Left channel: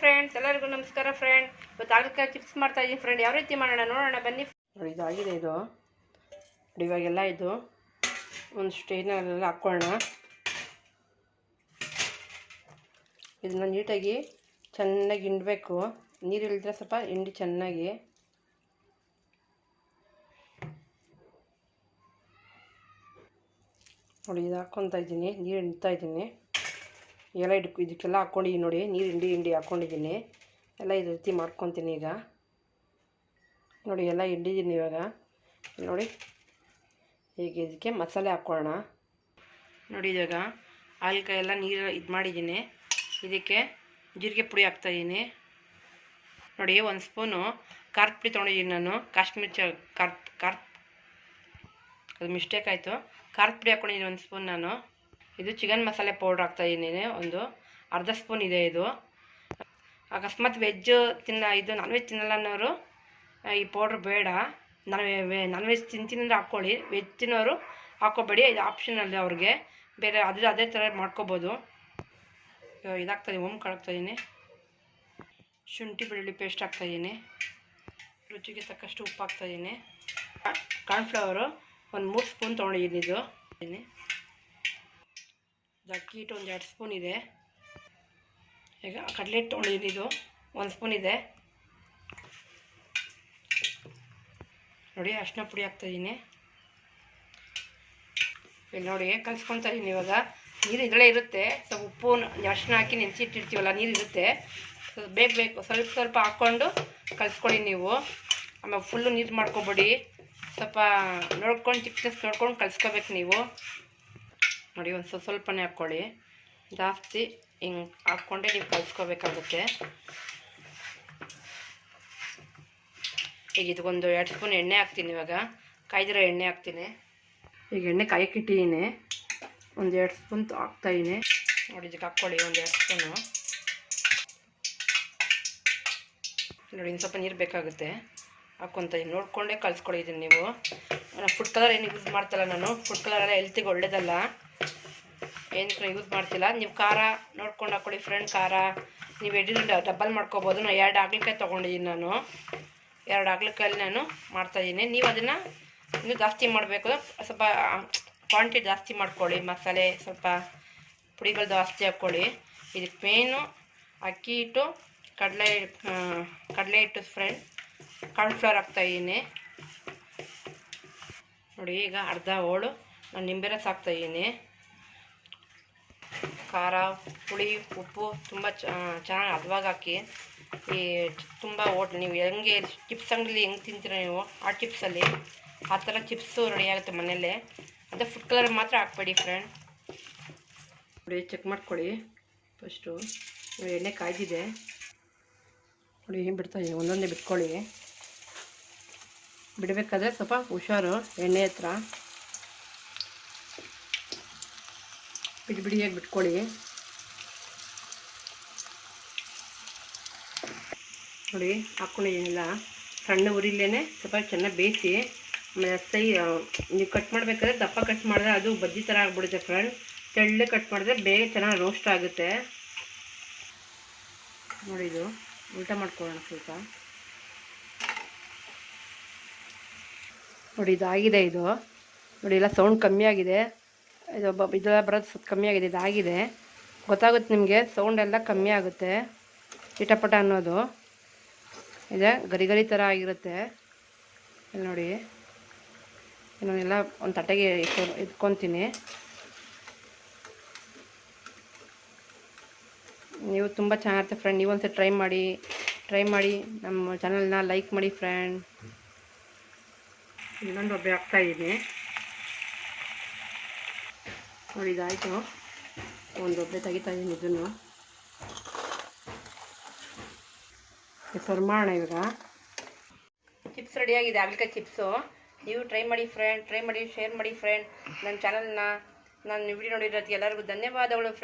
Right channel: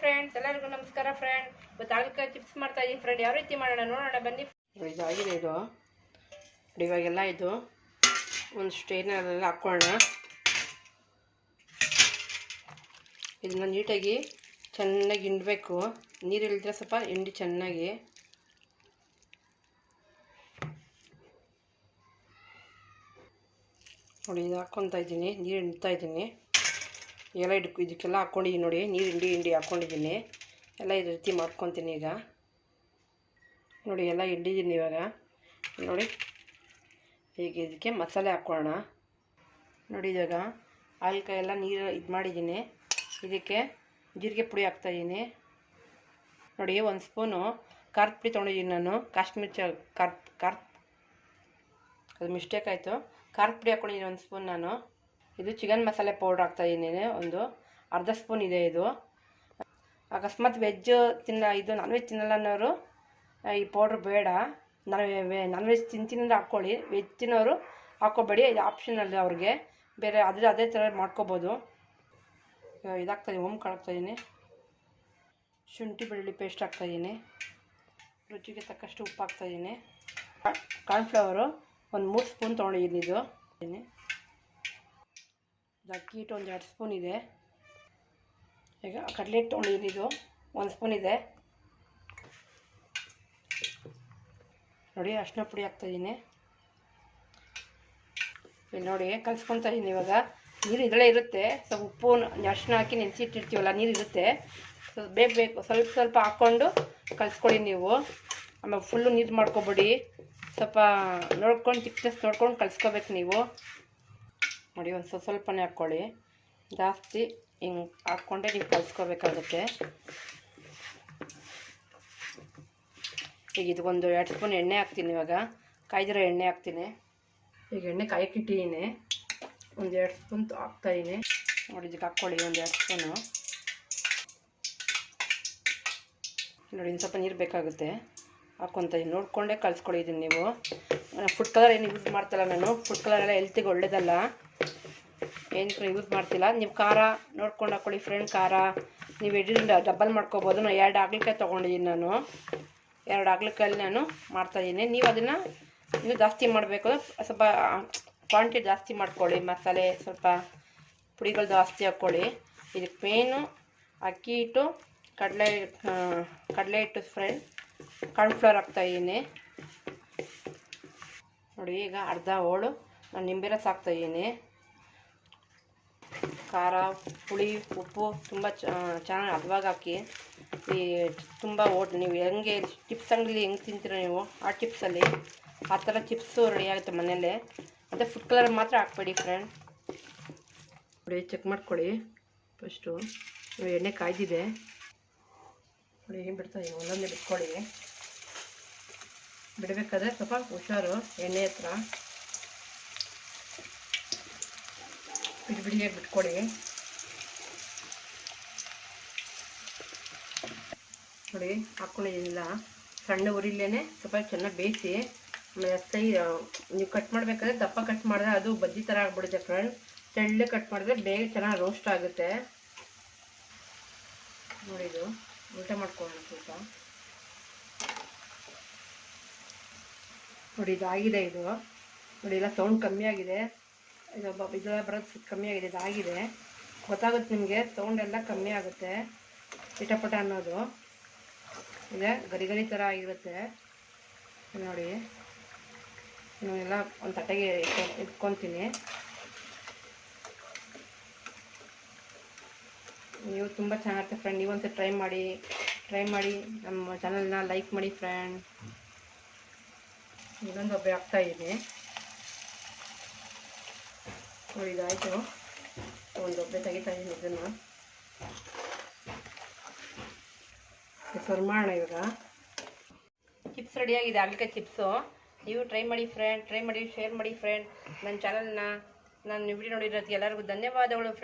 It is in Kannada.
ಫ್ರೆಂಡ್ಸ್ ಎಲ್ಲರಿಗೂ ನಮಸ್ಕಾರ ಫ್ರೆಂಡ್ ಇವತ್ತು ಹಾಗಲಕಾಯಿ ಚಿಪ್ಸ್ ಮಾಡ್ತಾ ಇದ್ದೀನಿ ಫ್ರೆಂಡ್ ಯಾವ ರೀತಿ ಮಾಡೋಣ? ನೋಡೋಣ, ಬನ್ನಿ. ಇದಾಗಿದೆ ಇದು. ಇವಾಗೆಲ್ಲ ಇದು. ಒಂದು ಸ್ಟೇನಲ್ಲೆಲ್ಲ ಹಾಕ್ಕೊಳ್ಳೋಣ ಇದನ್ನ ನೀಟಾಗಿ ಚೆನ್ನಾಗಿ ಹಿಂಡಬೇಕು. ನೀರು ಇಳಿದ್ರೆ ಸ್ವಲ್ಪ ಹಿಂಡಿ ಚೆನ್ನಾಗಿ. ನೋಡಿ, ಇದು ಹಾಕ್ಕೊತಾ ಇದ್ದೀನಿ ನೀರು ಹಿಂಡ್ತಾ ಇದ್ದೀನಿ ಎಲ್ಲ ಇದಕ್ಕೆ ಇದಕ್ಕೆಲ್ಲ ಹಾಕ್ಕೊಂಡಿದ್ದೀನಿ ನೋಡಿ, ನೀರು ಹಿಂಡಿ ಹಿಂಡಿ ಹಾಕ್ಕೊಂಡಿದ್ದೀನಿ ಎಲ್ಲ ಇದೇ ರೀತಿ ಮಾಡ್ಕೊತೀನಿ ಈಗ. ನೋಡಿ, ಎಲ್ಲ ಹಿಂಡಿದ್ದೀನಿ ಇವಾಗ. ನೋಡಿ, ಈಗ ಇದಕ್ಕೆ ಮಸಾಲೆ ಹಾಕ್ಕೊಳ್ಳೋಣ. ನೋಡಿ ಇವಾಗ ಹಾಲ್ಕಾಯಿ ಎಲ್ಲ ನೀರು ಇದು ಮಾಡಿದ್ದೀನಿ ಇದಕ್ಕೆ ಜೀರಿಗೆ ಪುಡಿ ಹಾಕ್ತಾಯಿದ್ದೀನಿ ನೋಡಿ, ಒಂದು ಸ್ಪೂನು ಖಾರದ ಪುಡಿ ತೊಗೊಂಡಿದ್ದೀನಿ ನಾನು. ಕಾಶ್ಮೀರ್ ಚ, ಖಾರ ಖಾರ, ಅದು ಮಿಸ್ಟೇಕ್ ಆಯಿತು. ಖಾರದ ಪುಡಿ ಹಾಕ್ಕೊಂಡಿದ್ದೀನಿ ಒಂದು ಸ್ಪೂನ್ ನಾನು. ಇದು ಚಿಕನ್ ಮಸಾಲೆ ಪೌಡ್ರ್ ಹಾಕ್ತಾಯಿದ್ದೀನಿ ಒಂದು ಅರ್ಧ ಸ್ಪೂನ್ ಇದೆ ಇದು. ಅಕಸ್ಮಾತ್ ವೆಜ್ ತಿನ್ನ, ಇದು ನಾನ್ ವೆಜ್ ತಿನ್ನಲ್ಲ ಅನ್ನೋರು ಈ ಪೌಡ್ರ್ ಬೇಡ. ನಾನು ನಾನ್ ವೆಜ್ ತಿಂತೀನಿ ಅಂದರೆ ಹಾಕ್ಕೊಳ್ಳಿ. ವೆಜ್ ತಿನ್ನೋರು ಹಾಕೋಬೇಡಿ ಇದು ಆಪ್ಷನಲ್ ಅವ್ರಿಗೆ. ಬೇರೆ ಅದ್ರ ಅದೇ ಥರ ಮಾಡ್ಕೋಬೋದು. ಇದಾಗ್ತಾಯಿದ್ದೀನಿ ಓಮ್ ಹಾಕ್ತಾಯಿದ್ದೀನಿ ಶುಂಠಿ, ಬೆಳ್ಳುಳ್ಳಿ ಪೇಸ್ಟ್ ಹಾಕ್ತಾಯಿದ್ದೀನಿ ರುಚಿಗೆ ತಕ್ಕಷ್ಟು ಉಪ್ಪು ಹಾಕ್ತಾಯಿದ್ದೀನಿ ಕಾರ್ನ್ಫ್ಲವರು ಒಂದು ಮೂರು ಸ್ಪೂನ್ ತೊಗೊಂಡಿದ್ದೀನಿ ಇದು. ಅಕ್ಕಿ ಹಿಟ್ಟು ಒಂದು ಎರಡು ಸ್ಪೂನ್ ಇದೆ. ಈಗ ಕಡಲೆ ಹಿಟ್ಟು ತೊಗೊಂಡಿದ್ದೀನಿ ಇದು. ಒಂದು ಸ್ಪೂನ್ ಇದೆ. ನೋಡಿ, ಅರಿಶಿನ ಪುಡಿ ಹಾಕ್ತಾಯಿದ್ದೀನಿ ಇಲ್ಲಿ ನೋಡಿ, ಕಲಿಸ್ಕೊತಾ ಇದ್ದೀನಿ ಇವಾಗ. ನೀರು ಇದರಲ್ಲೇ ಇರುತ್ತೆ. ಸ್ವಲ್ಪ ಉಪ್ಪು, ಅರಿಶಿನ ಹಾಕಿ ನೆನೆಸಿಟ್ಟಿರ್ತೀವಲ್ಲ, ನೀರು ಇರುತ್ತೆ. ಬೇಗ ಬೇಕು. ಸ್ವಲ್ಪ ಸ್ವಲ್ಪ ಹಾಕ್ಕೊಂಡು ಕಲಿಸ್ಕೊಳ್ಳಿ ನೀವು. ಆಮೇಲೆ ಫುಲ್ಲು ನೀರು ಮಾಡ್ಕೊಬಿಡಿ. ಸ್ವಲ್ಪ ನೋಡ್ಕೊಂಡು ಚಿಕ್ಕ ನೋಡ್ಕೊಂಡು ಕಲಿಸ್ಕೋಬೇಕು ನೀವು. ನೋಡಿ, ಒಂದು ಸ್ವಲ್ಪ ಸ್ವಲ್ಪನೇ ಹಾಕ್ಕೊಳ್ಳಿ. ಜಾಸ್ತಿ ಹಿಂಗೆ ಹಾಕ್ಕೊಂಡೆ ನೀವು ಕಲಿಸ್ಕೋಬೇಕಾಗುತ್ತೆ. ಈಗ ಇದಕ್ಕೊಂದು ಎರಡು ಸ್ಪೂನ್ ಎಣ್ಣೆ ಹಾಕ್ತೀನಿ ಇವಾಗ. ಕಾಯ್ದಿರೋ ಎಣ್ಣೆ ಹಾಕ್ತೀನಿ. ಈಗ ಎಣ್ಣೆ ಕಾಯಕ್ಕಿಟ್ಟಿದ್ದೀನಿ ಒಂದು ಎರಡು ಸ್ಪೂನ್ ಹಾಕ್ತಾಯಿದ್ದೀನಿ ನೋಡಿ, ಇದಕ್ಕೆ ಹಾಕ್ಕೊಳ್ಳಿ, ಒಂದು ಎರಡು ಸ್ಪೂನು. ನೋಡಿ ಇನ್ನು ಸ್ವಲ್ಪ ನೀರು ಬೇಕಾಗುತ್ತೆ. ಹಾಕ್ಕೊತ ಇದ್ದೀನಿ ನೋಡಿಕೊಂಡೇ ಕಲಿಸ್ಕೊಳ್ಳಿದ್ದೀನಿ ನೀವು. ಫುಡ್ ಕಲರ್ ಏನು ಯೂಸ್ ಮಾಡ್ತಲ್ಲ ನಾನು. ಫುಡ್ ಕಲರ್ ಎಲ್ಲ ಹೆಲ್ತಿಗೆ ಒಳ್ಳೇದಲ್ಲ. ಏನು ಯೂಸ್ ಮಾಡ್ತಿಲ್ಲ. ನೀವು ಖಾರ ನೋಡ್ಕೊಂಡು ಹಾಕೊಳ್ಳಿ ಫ್ರೆಂಡ್ ಖಾರ. ನೀವು ಎಡ್ರಿಂದ ಡಬ್ಬಲ್ ಮಾಡ್ಕೋಬೋದು. ನಾನು ಎರಡು ಆಗ್ಲಿಕಾಯಿ ತೊಗೊಂಡಿದ್ದೀನಿ ನಾನು. ಎರಡು ಆಗ್ಲಿಕಾಯಲ್ಲಿ ನಾನು ಮಾಡ್ತಾಯಿದ್ದೀನಿ ನೀವು ಅದನ್ನು ಇನ್ನೂ ಜಾಸ್ತಿ ಮಾಡಬೇಕು. ಸ್ವಲ್ಪ ಕ್ವಾಂಟಿಟಿ ಜಾಸ್ತಿ ಮಾಡ್ಕೊಳ್ಳಿ. ಮಸಾಲೆ ಸ್ವಲ್ಪ ಪುಡಿಗಳು ಜಾಸ್ತಿ ಹಾಕ್ಕೊಳ್ಳಿ ಇದಕ್ಕೆ ಮೇನು ಅಕ್ಕಿ ಹಿಟ್ಟು, ಕಡಲೆ ಕಡಲೆ ಹಿಟ್ಟು ಫ್ರೆಂಡ್ ಕಾರ್ನ್ಫ್ಲವರ್ ಹಾಕ್ತಾಯಿದ್ದೀನಿ ನೋಡಿ, ಈಗ ಅರ್ಧ ಹೋಳು. ನಾನು ನಿಂಬೆ ರಸ ಹಾಕ್ತಾಯಿದ್ದೀನಿ ಖಾರ, ಹುಳಿ, ಉಪ್ಪು ತುಂಬ ಚೆನ್ನಾಗಿ ಹದವಾಗಿ ಹಾಕಿ, ಈ ತುಂಬ ಓಟ್, ನೀವು ಹೆಂಗೆ ಚಿಪ್ಸ್ ಅಂಗಡಿಲಿ ಹೆಂಗೆ ತಿಂತೀರ ನೀವು, ಆ ಚಿಪ್ಸಲ್ಲಿ ಆ ಥರ ಚಿಪ್ಸು ರೆಡಿ ಆಗುತ್ತೆ ಮನೆಯಲ್ಲೇ. ಅದೇ ಫುಡ್ ಕಲರ್ ಮಾತ್ರ ಹಾಕ್ಬೇಡಿ ಫ್ರೆಂಡ್ ನೋಡಿ ಚೆಕ್ ಮಾಡ್ಕೊಳ್ಳಿ. ಫಸ್ಟು ಎಣ್ಣೆ ಕಾಯ್ದಿದೆ. ನೋಡಿ, ಏನು ಬಿಡ್ತಾ ಇದೆ? ಒಂದೊಂದೇ ಬಿಟ್ಕೊಳ್ಳಿ ಬಿಡಬೇಕಾದ್ರೆ ಸ್ವಲ್ಪ ಹುಷಾರು, ಎಣ್ಣೆ ಹತ್ರ. ಬಿಡಿ ಬಿಡಿಯಾಗಿ ಬಿಟ್ಕೊಳ್ಳಿ ನೋಡಿ ಹಾಕ್ಕೊಂಡಿದ್ದೀನಿಲ್ಲ ಸಣ್ಣ ಉರಿಲೇನೆ ಸ್ವಲ್ಪ ಚೆನ್ನಾಗಿ ಬೇಯಿಸಿ ಸೈ ನೀವು ಕಟ್ ಮಾಡಬೇಕಾದ್ರೆ ದಪ್ಪ ಕಟ್ ಮಾಡಿದ್ರೆ ಅದು ಬಜ್ಜಿ ಥರ ಆಗ್ಬಿಡುತ್ತೆ ಫ್ರೆಂಡ್ ತೆಳ್ಳೆ ಕಟ್ ಮಾಡಿದ್ರೆ ಬೇಗ ಚೆನ್ನಾಗಿ ರೋಸ್ಟ್ ಆಗುತ್ತೆ. ನೋಡಿ ಇದು, ಊಟ ಮಾಡ್ಕೊಳ್ಳೋಣ ಸ್ವಲ್ಪ. ನೋಡಿ ಆಗಿದೆ ಇದು. ನೋಡಿ, ಎಲ್ಲ ಸೌಂಡ್ ಕಮ್ಮಿ ಆಗಿದೆ. ಇದು ಇದೆಲ್ಲ ಬರೋದು ಸ್ವಲ್ಪ ಕಮ್ಮಿ ಆಗಿದೆ, ಇದಾಗಿದೆ. ಗೊತ್ತಾಗುತ್ತೆ ನಿಮಗೆ ಸೌಂಡ್ ಎಲ್ಲ ಕಮ್ಮಿ ಆಗುತ್ತೆ. ಇಟಪಟ ಅನ್ನೋದು. ಇದೆ ಗರಿ ಗರಿ ಥರ ಆಗಿರುತ್ತೆ ನೋಡಿ. ಇನ್ನೆಲ್ಲ ಒಂದು ತಟ್ಟೆಗೆ ಇಟ್ಕೊ ಇಟ್ಕೊತೀನಿ. ನೀವು ತುಂಬ ಚೆನ್ನಾಗಿರುತ್ತೆ ಫ್ರೆಂಡ್ ನೀವು ಒಂದ್ಸರಿ ಟ್ರೈ ಮಾಡಿ ಟ್ರೈ ಮಾಡಿ. ನಮ್ಮ ಚಾನಲ್ನ ಲೈಕ್ ಮಾಡಿ ಫ್ರೆಂಡ್ ಇನ್ನೊಂದು ಒಬ್ಬೆ ಹಾಕ್ತಾಯಿದ್ದೀನಿ ನೋಡಿ ಒಂದು ಒಬ್ಬೆ ತೆಗಿತಾ ಇದ್ದೀನಿ ಇದನ್ನು. ಸರ್ವ್ ಮಾಡೋಣ ಇವಾಗ. ಚಿಪ್ಸ್ ರೆಡಿಯಾಗಿದೆ ಅಲ್ಕ ಚಿಪ್ಸು. ನೀವು ಟ್ರೈ ಮಾಡಿ ಫ್ರೆಂಡ್ ಟ್ರೈ ಮಾಡಿ ಶೇರ್ ಮಾಡಿ ಫ್ರೆಂಡ್ ನನ್ನ ಚಾನಲ್ನ ನಾನು ವಿಡಿಯೋ ನೋಡಿರೋದಕ್ಕೆ ಎಲ್ಲರಿಗೂ ಧನ್ಯವಾದಗಳು ಫ್ರೆಂಡ್